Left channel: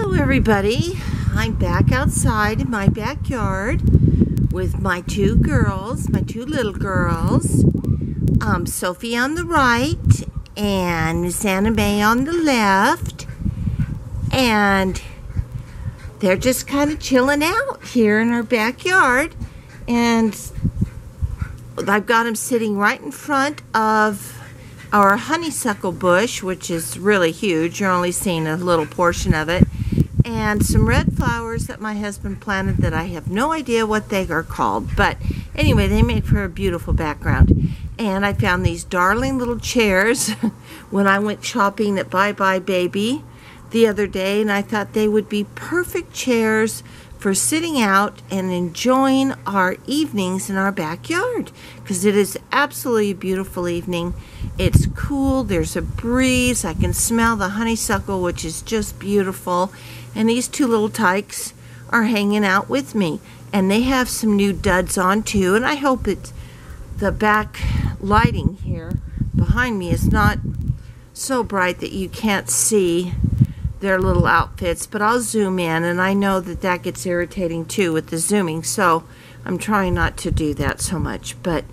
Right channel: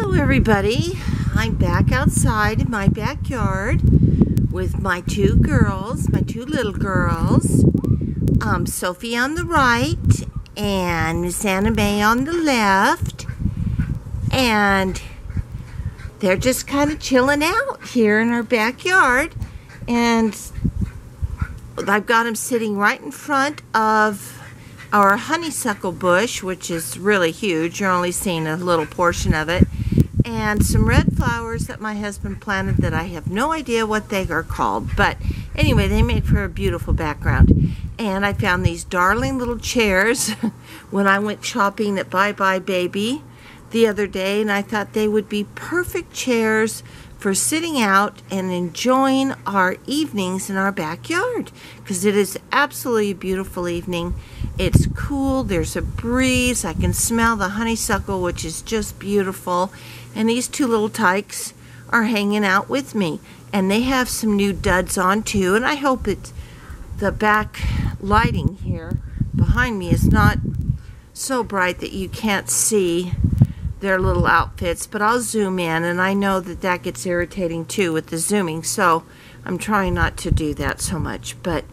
Hello everybody, I'm back outside in my backyard with my two little girls, Sophie on the right and Miss Anna May on the left, and they're just kind of chilling out here in our backyard, and I've got them sitting right in front of our honeysuckle bush, which is really huge. You're only seeing a little portion of it. And some red flowers that my husband planted that I have no idea what they are called. But anyway, they make for a beautiful background. And I found these darling little chairs when I went shopping at Bye Bye Baby the other day. And I thought they would be perfect chairs for sitting out and enjoying our evenings in our backyard. Because it is absolutely a beautiful evening. It's cool, there's a breeze, I can smell the honeysuckle, which is just beautiful, and these two little tykes are hanging out with me, and they have some new duds on too, and I hope it's the back lighting here behind me is not so bright that you can't see their little outfits, but I'll zoom in, and I know that that gets irritating too with the zooming, so I'm trying not to do that so much. But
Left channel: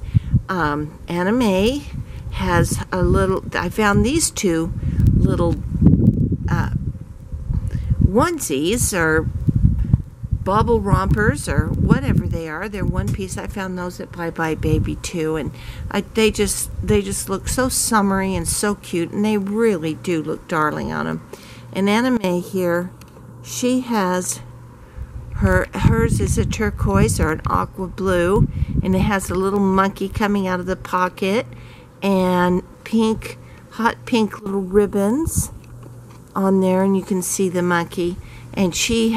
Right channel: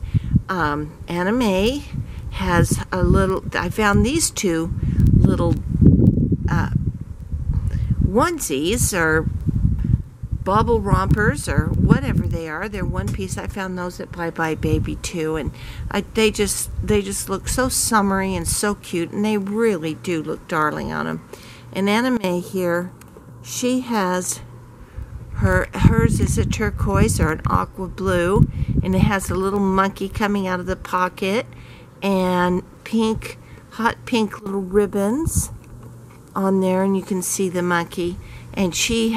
Anna May has a little, I found these two little onesies or bubble rompers or whatever they are. They're one piece. I found those at Bye Bye Baby too, and they just look so summery and so cute, and they really do look darling on them. And Anna May here, she has hers is a turquoise or an aqua blue, and it has a little monkey coming out of the pocket, and pink, hot pink little ribbons on there, and you can see the monkey. And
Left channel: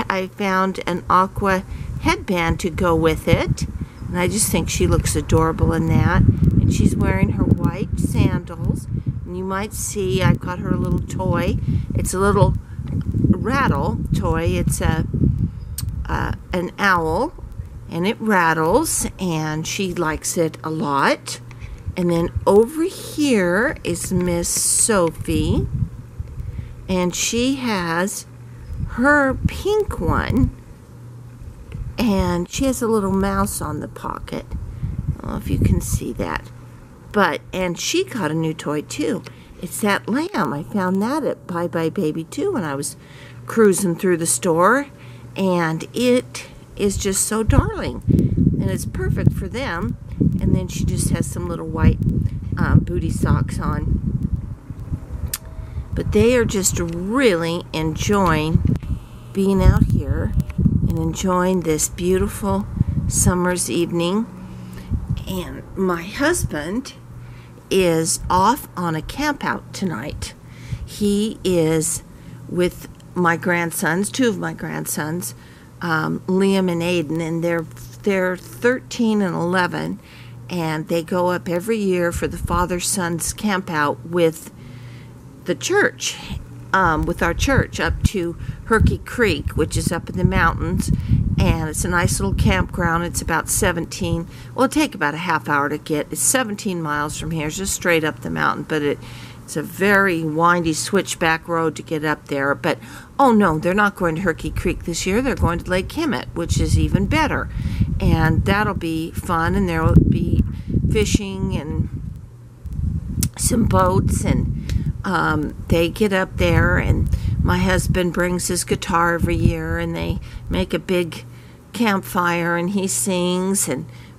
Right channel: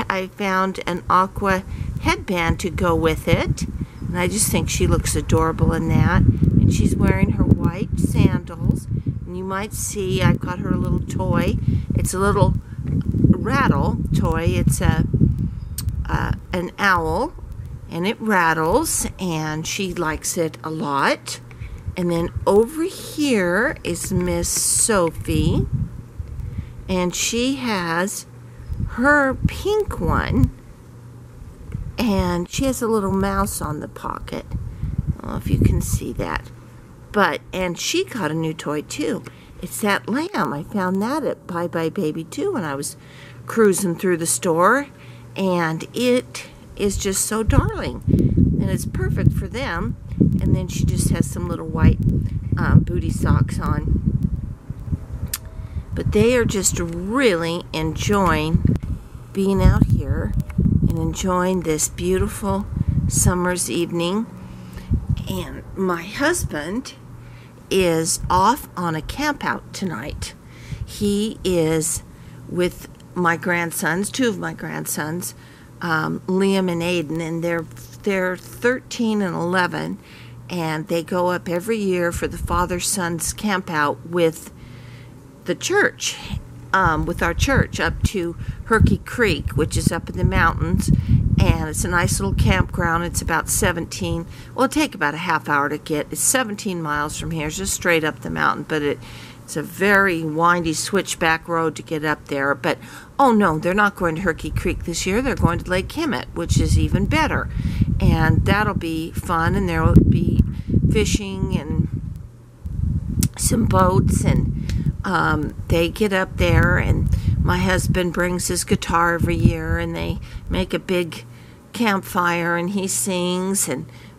I found an aqua headband to go with it, and I just think she looks adorable in that. And she's wearing her white sandals, and you might see I've got her a little toy. It's a little rattle toy. It's an owl, and it rattles, and she likes it a lot. And then over here is Miss Sophie, and she has her pink one, and she has a little mouse on the pocket. I don't know if you can see that. And she got a new toy too. It's that lamb. I found that at Bye Bye Baby too when I was cruising through the store, and it is just so darling, and it's perfect for them. And then she just has some little white booty socks on. But they are just really enjoying being out here and enjoying this beautiful summer's evening. And my husband is off on a camp out tonight. He is with my grandsons, two of my grandsons, Liam and Aiden, and they're 13 and 11, and they go up every year for the father-sons camp out with the church, with our church, up to Herky Creek, which is up in the mountains, and it's a nice little campground. It's about it'll take about a half hour to get. It's 17 miles from here, just straight up the mountain, but it's a very windy switchback road to get up there. But oh no, they're not going to Herky Creek this year. They're going to Lake Hemet, which is even better. And that'll be fun, and there will be fishing and some boats, and they get up there, and my husband brings his guitar every year, and they make a big campfire, and he sings,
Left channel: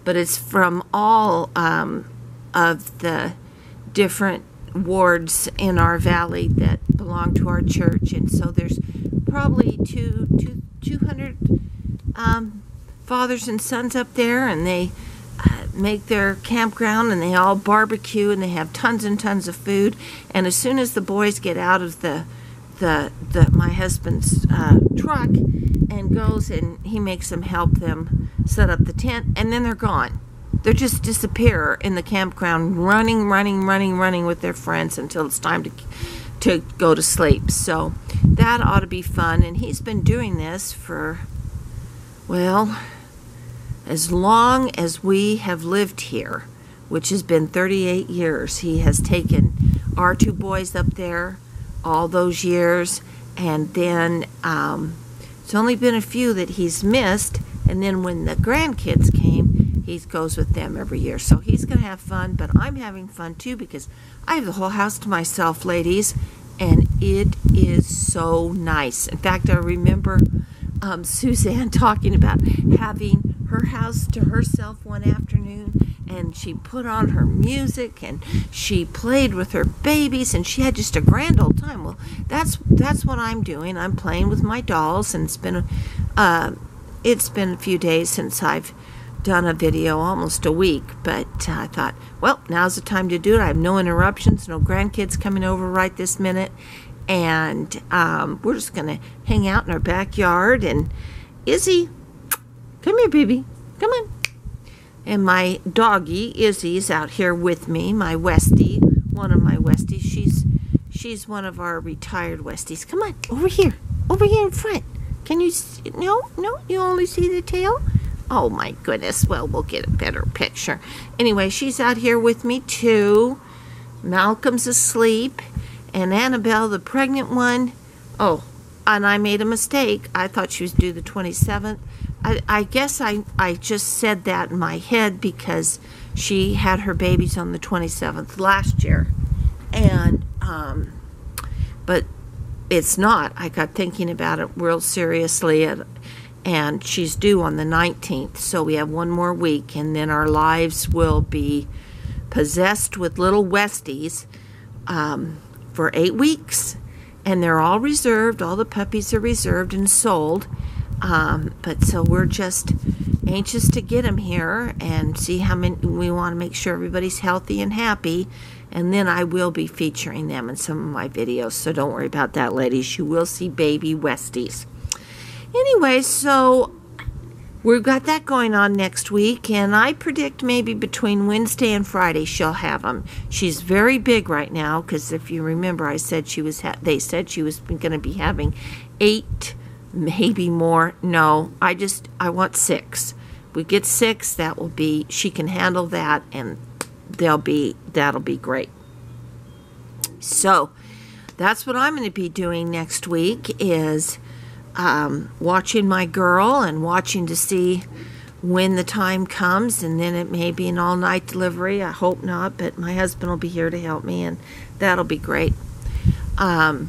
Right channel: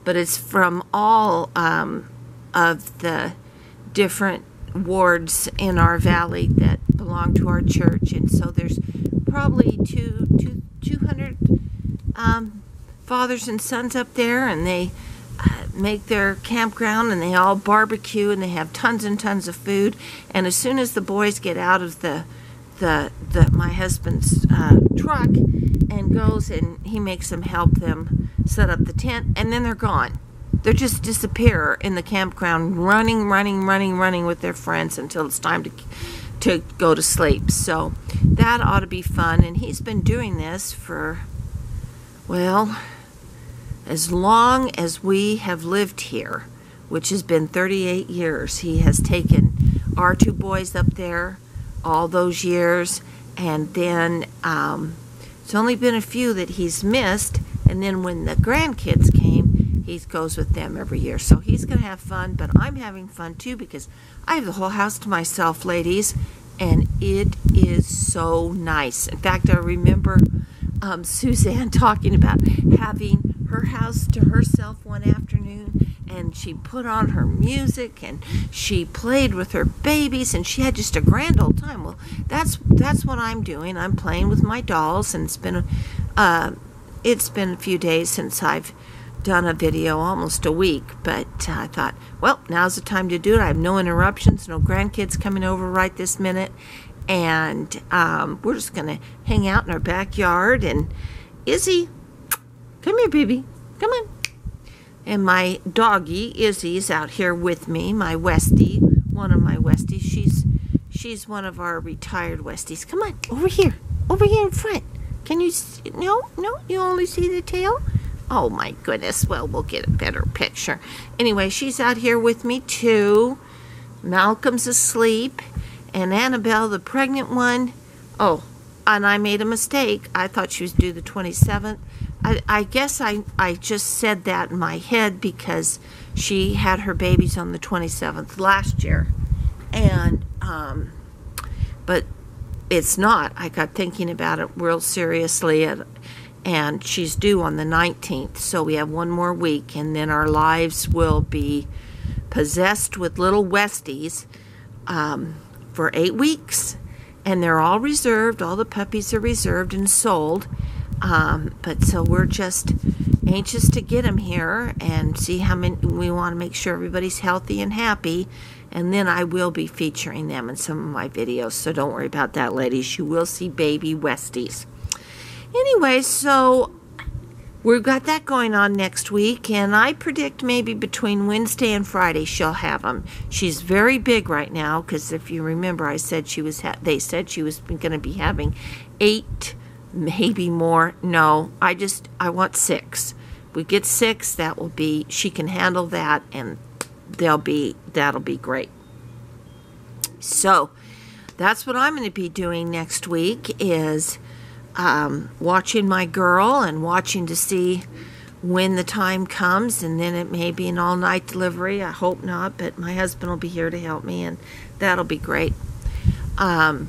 but it's from all of the different wards in our valley that belong to our church, and so there's probably 200 fathers and sons up there, and they make their campground, and they all barbecue, and they have tons and tons of food. And as soon as the boys get out of my husband's truck and goes, and he makes them help them set up the tent, and then they're gone. They just disappear in the campground, running with their friends until it's time to go to sleep. So that ought to be fun. And he's been doing this for, well, as long as we have lived here, which has been 38 years. He has taken our two boys up there all those years, And then it's only been a few that he's missed. And then when the grandkids came, he goes with them every year. So he's going to have fun, but I'm having fun too because I have the whole house to myself, ladies, and it is so nice. In fact, I remember Suzanne talking about having her house to herself one afternoon, and she put on her music and she played with her babies, and she had just a grand old time. Well, that's what I'm doing. I'm playing with my dolls, and it's been a few days since I've done a video, almost a week, but I thought, well, now's the time to do it. I have no interruptions, no grandkids coming over right this minute, and we're just gonna hang out in our backyard. And Izzy, come here, baby, come on. And my doggie Izzy's out here with me, my Westie, one of my Westies. She's one of our retired Westies. Come on, over here in front. Can you see? No, you only see the tail? Oh my goodness. Well, we'll get a better picture. Anyway, she's out here with me too. Malcolm's asleep. And Annabelle, the pregnant one, oh, and I made a mistake. I thought she was due the 27th. I guess I just said that in my head because she had her babies on the 27th last year. And, but it's not. I got thinking about it real seriously, and she's due on the 19th. So we have one more week, and then our lives will be possessed with little Westies, for 8 weeks, and they're all reserved. All the puppies are reserved and sold, but so we're just anxious to get them here and see how many. We want to make sure everybody's healthy and happy, and then I will be featuring them in some of my videos, so don't worry about that, ladies. You will see baby Westies. Anyway, so we've got that going on next week, and I predict maybe between Wednesday and Friday she'll have them. She's very big right now because if you remember, I said she was. They said she was going to be having 8, maybe more. No, I want 6. If we get 6, that will be. She can handle that, and that'll be great. So that's what I'm going to be doing next week is. Watching my girl and watching to see when the time comes, and then it may be an all-night delivery. I hope not, but my husband will be here to help me, and that'll be great. Anyway,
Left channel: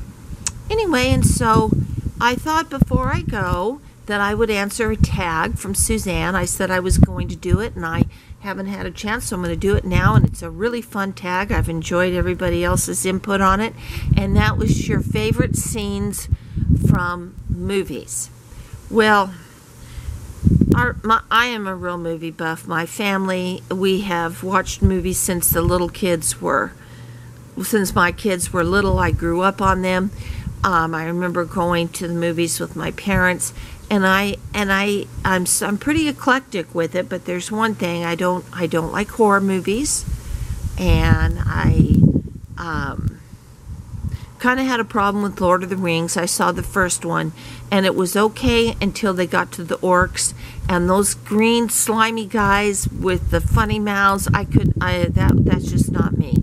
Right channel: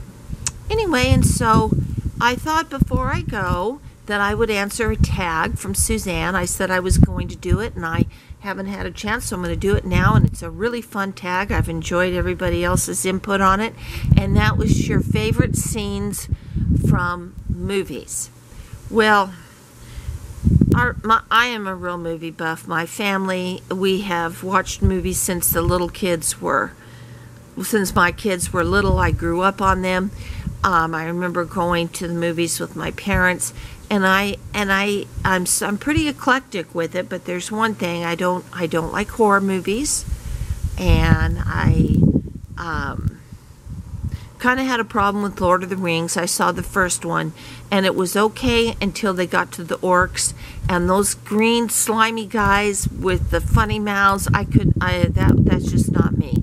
and so I thought before I go that I would answer a tag from Suzanne. I said I was going to do it, and I haven't had a chance, so I'm going to do it now, and it's a really fun tag. I've enjoyed everybody else's input on it, and that was your favorite scenes from movies. Well, I am a real movie buff. My family, we have watched movies since my kids were little. I grew up on them. I remember going to the movies with my parents, and I'm pretty eclectic with it. But there's one thing I don't like: horror movies, and I kind of had a problem with Lord of the Rings. I saw the first one, and it was okay until they got to the orcs and those green slimy guys with the funny mouths. That's just not me.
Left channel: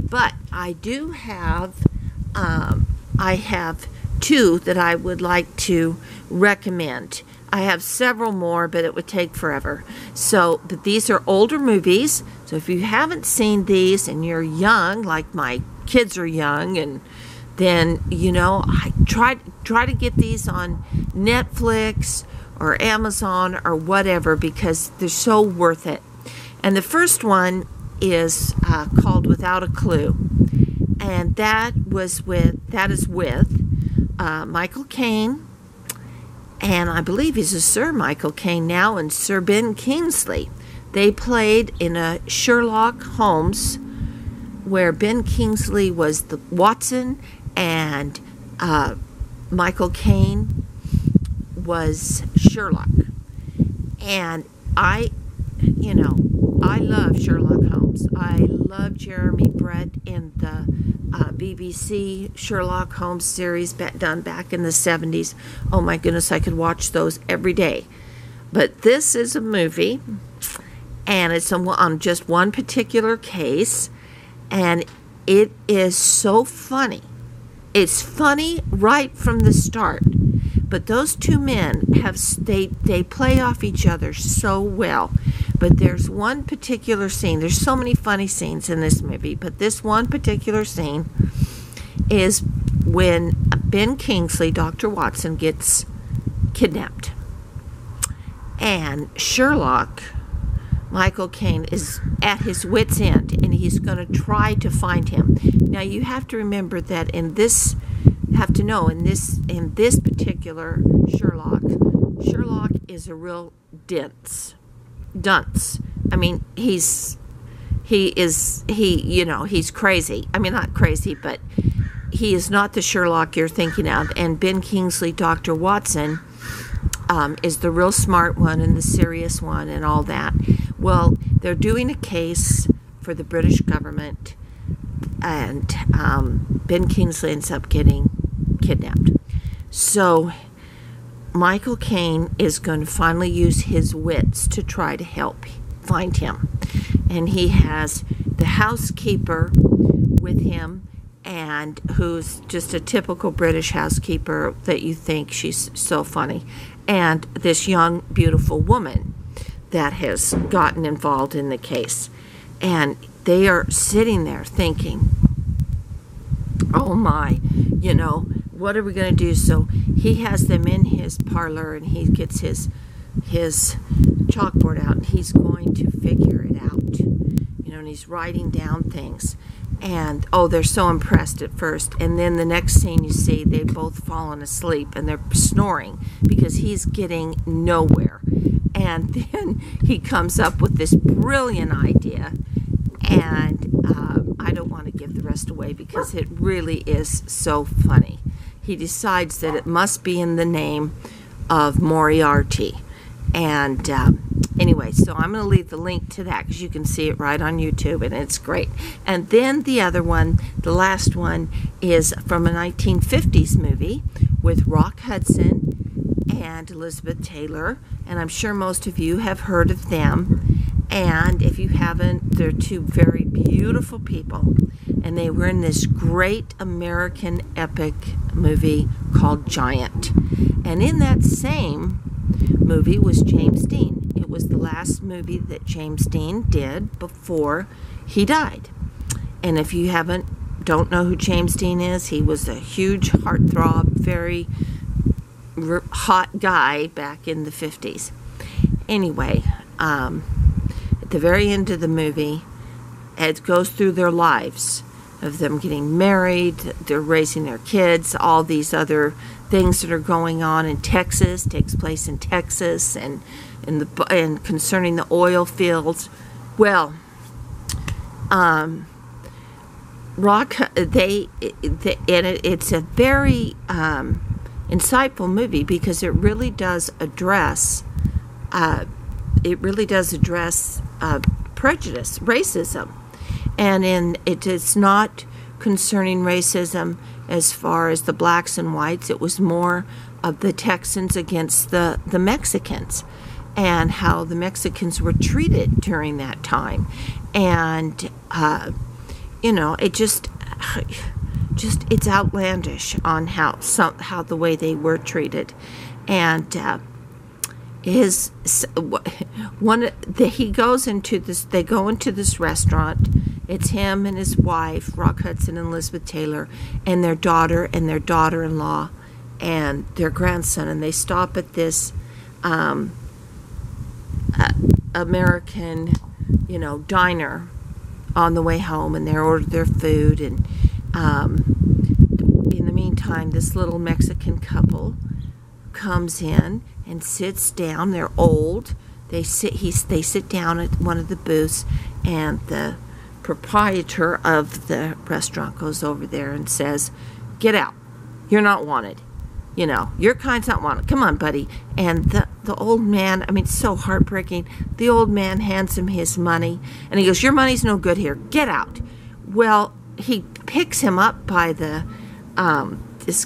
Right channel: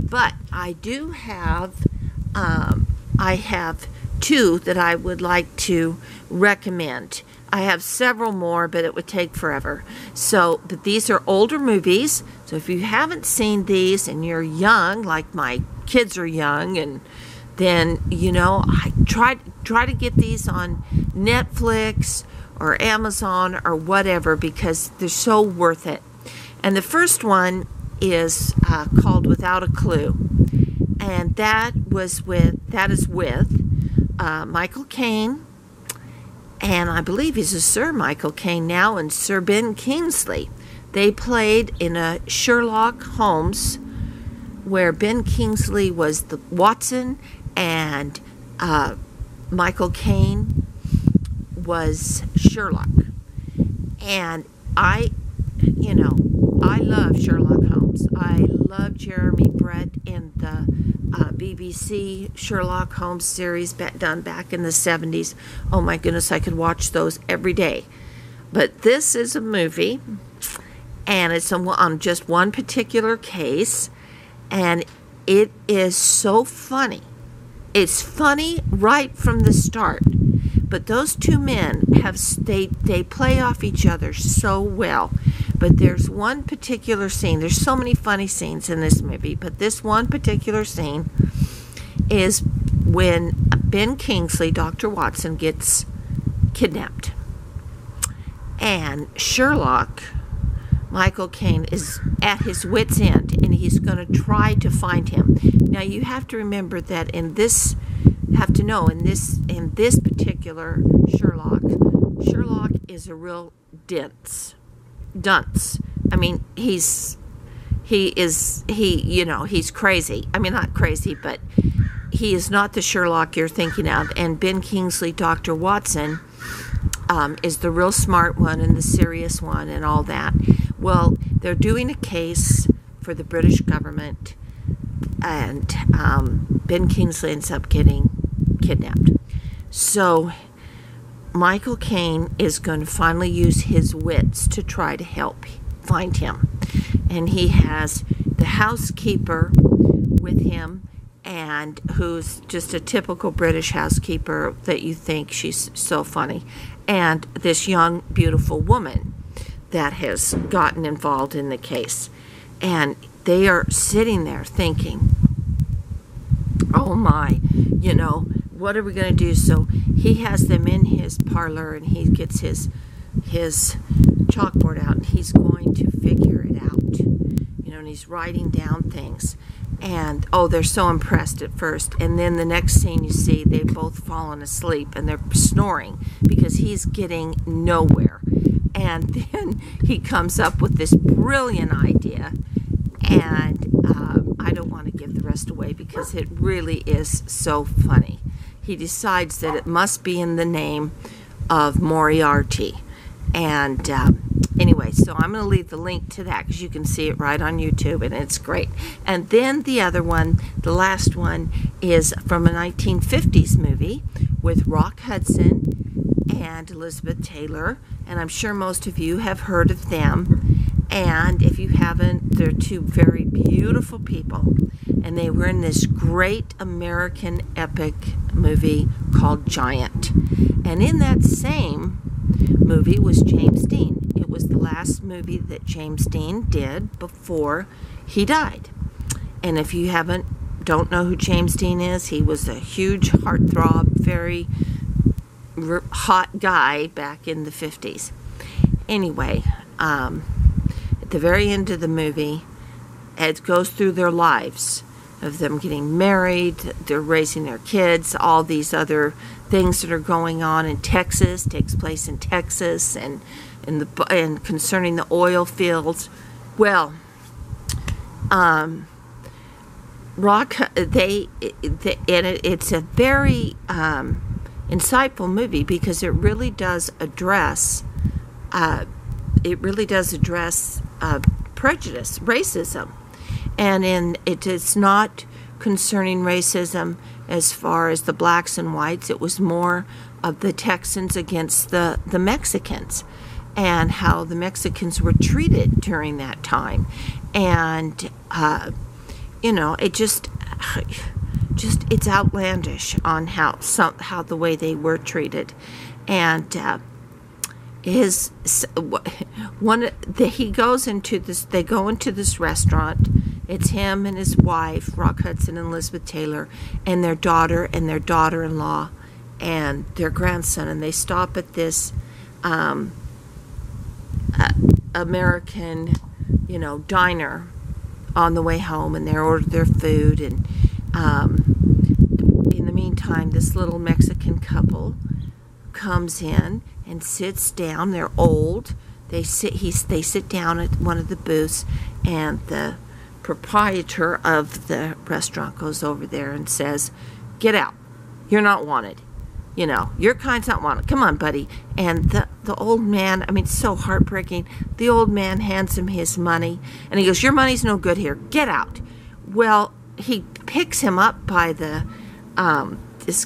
But I do have, I have 2 that I would like to recommend. I have several more, but it would take forever. But these are older movies. So if you haven't seen these and you're young, like my kids are young, and then, I try to get these on Netflix or Amazon or whatever because they're so worth it. And the first one is called Without a Clue. And that is with Michael Caine, and I believe he's a Sir Michael Caine now, and Sir Ben Kingsley. They played in a Sherlock Holmes where Ben Kingsley was the Watson and Michael Caine was Sherlock. And I love Sherlock Holmes. I love Jeremy Brett in the BBC Sherlock Holmes series done back in the 70s. Oh my goodness, I could watch those every day. But this is a movie, and it's on just one particular case, and it is so funny. it's funny right from the start. But those two men they play off each other so well. But there's one particular scene. There's so many funny scenes in this movie, but this one particular scene is when Ben Kingsley, Dr. Watson, gets kidnapped. And Sherlock, Michael Caine, is at his wit's end, and he's going to try to find him. Now, you have to remember that in this particular Sherlock is a real dunce. I mean, he's crazy. I mean, not crazy, but he is not the Sherlock you're thinking of. And Ben Kingsley, Dr. Watson, is the real smart one and the serious one and all that. Well, they're doing a case for the British government, and Ben Kingsley ends up getting kidnapped. So Michael Caine is going to finally use his wits to try to help find him. And he has the housekeeper with him, and who's just a typical British housekeeper that you think she's so funny, and this young, beautiful woman that has gotten involved in the case. And they are sitting there thinking, oh my, what are we going to do? So he has them in his parlor, and he gets his chalkboard out, and he's going to figure it out. And he's writing down things. And, they're so impressed at first. And then the next scene you see, they've both fallen asleep, and they're snoring because he's getting nowhere. And then he comes up with this brilliant idea. And I don't want to give the rest away because it really is so funny. He decides that it must be in the name of Moriarty. And anyway, so I'm going to leave the link to that because you can see it right on YouTube, and it's great. And then the other one, the last one, is from a 1950s movie with Rock Hudson and Elizabeth Taylor, and I'm sure most of you have heard of them. And if you haven't, they're two very beautiful people, and they were in this great American epic movie called Giant. And in that same movie was James Dean. It was the last movie that James Dean did before he died. And if you don't know who James Dean is, he was a huge heartthrob, very hot guy back in the 50s. Anyway, at the very end of the movie, it goes through their lives of them getting married, they're raising their kids, all these other things that are going on in Texas, takes place in Texas, and concerning the oil fields. Well, it's a very insightful movie because it really does address prejudice, racism. And it's not concerning racism as far as the blacks and whites. It was more of the Texans against the Mexicans, and how the Mexicans were treated during that time. And it just it's outlandish on how the way they were treated. And they go into this restaurant. It's him and his wife, Rock Hudson and Elizabeth Taylor, and their daughter and their daughter-in-law and their grandson, and they stop at this American, diner on the way home, and they order their food. And in the meantime, this little Mexican couple comes in and sits down. They're old. They sit down at one of the booths, and the proprietor of the restaurant goes over there and says, "Get out. You're not wanted. Your kind's not wanted. Come on, buddy." And the old man, it's so heartbreaking. The old man hands him his money, and he goes, "Your money's no good here. Get out." Well, he picks him up by the this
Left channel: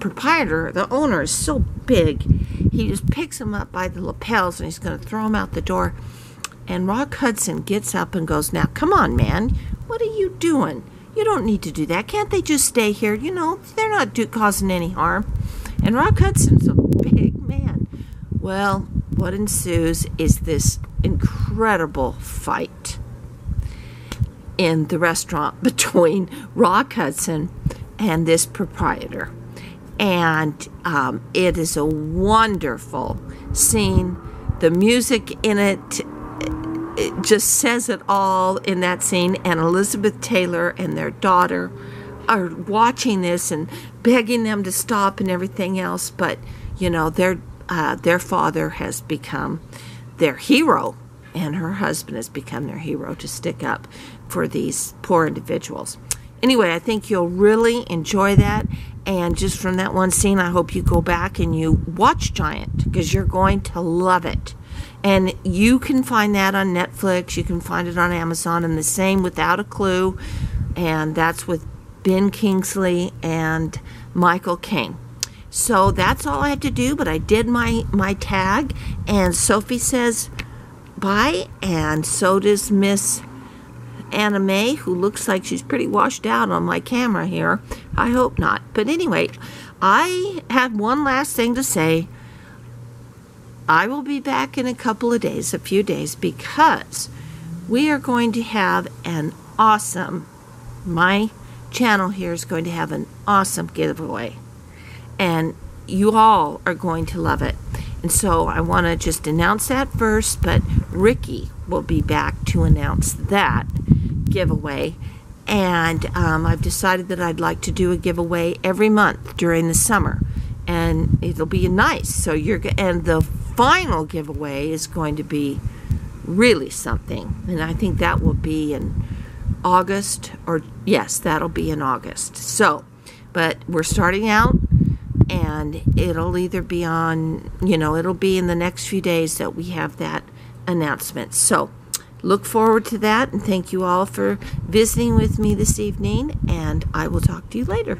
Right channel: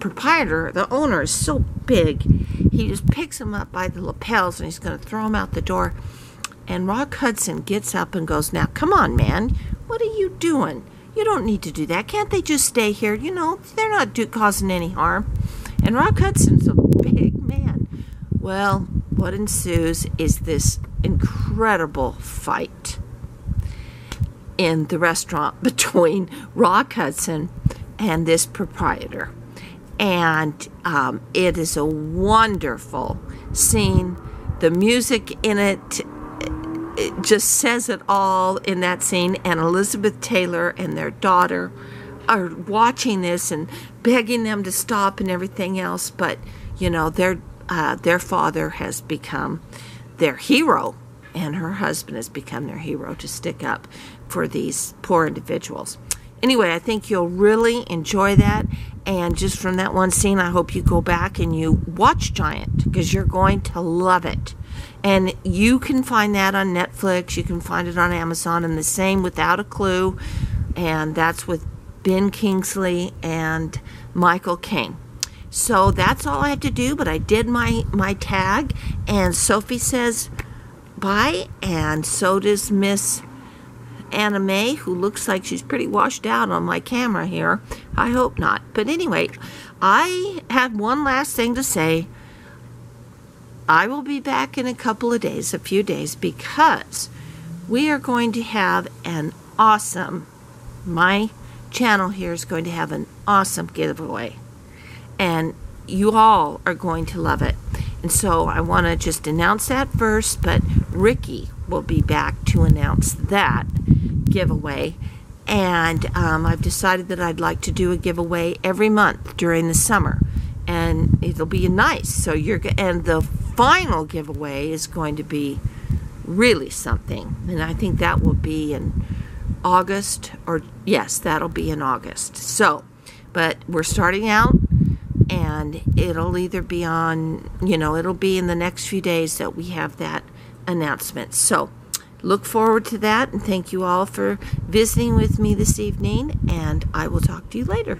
proprietor, the owner, is so big. He just picks him up by the lapels, and he's going to throw him out the door. And Rock Hudson gets up and goes, "Now, come on, man. What are you doing? You don't need to do that. Can't they just stay here? You know, they're not causing any harm. And Rock Hudson's a big man. Well, what ensues is this incredible fight in the restaurant between Rock Hudson and this proprietor. And it is a wonderful scene. The music in it just says it all in that scene. And Elizabeth Taylor and their daughter are watching this and begging them to stop and everything else. But, you know, their father has become their hero, and her husband has become their hero to stick up for these poor individuals. Anyway, I think you'll really enjoy that. And just from that one scene, I hope you go back and you watch Giant, because you're going to love it. And you can find that on Netflix. You can find it on Amazon. And the same Without a Clue. And that's with Ben Kingsley and Michael Caine. So that's all I have to do. But I did my tag. And Sophie says bye. And so does Miss Anna Mae, who looks like she's pretty washed out on my camera here. I hope not. But anyway, I have one last thing to say. I will be back in a couple of days, a few days, because we are going to have an awesome, my channel here is going to have an awesome giveaway. And you all are going to love it. And so I want to just announce that first, but Ricky will be back to announce that giveaway. And I've decided that I'd like to do a giveaway every month during the summer. And it'll be nice. So and the final giveaway is going to be really something. And I think that will be in August, or yes, that'll be in August. So, but we're starting out, and it'll either be on, you know, it'll be in the next few days that we have that announcement. So look forward to that, and thank you all for visiting with me this evening, and I will talk to you later.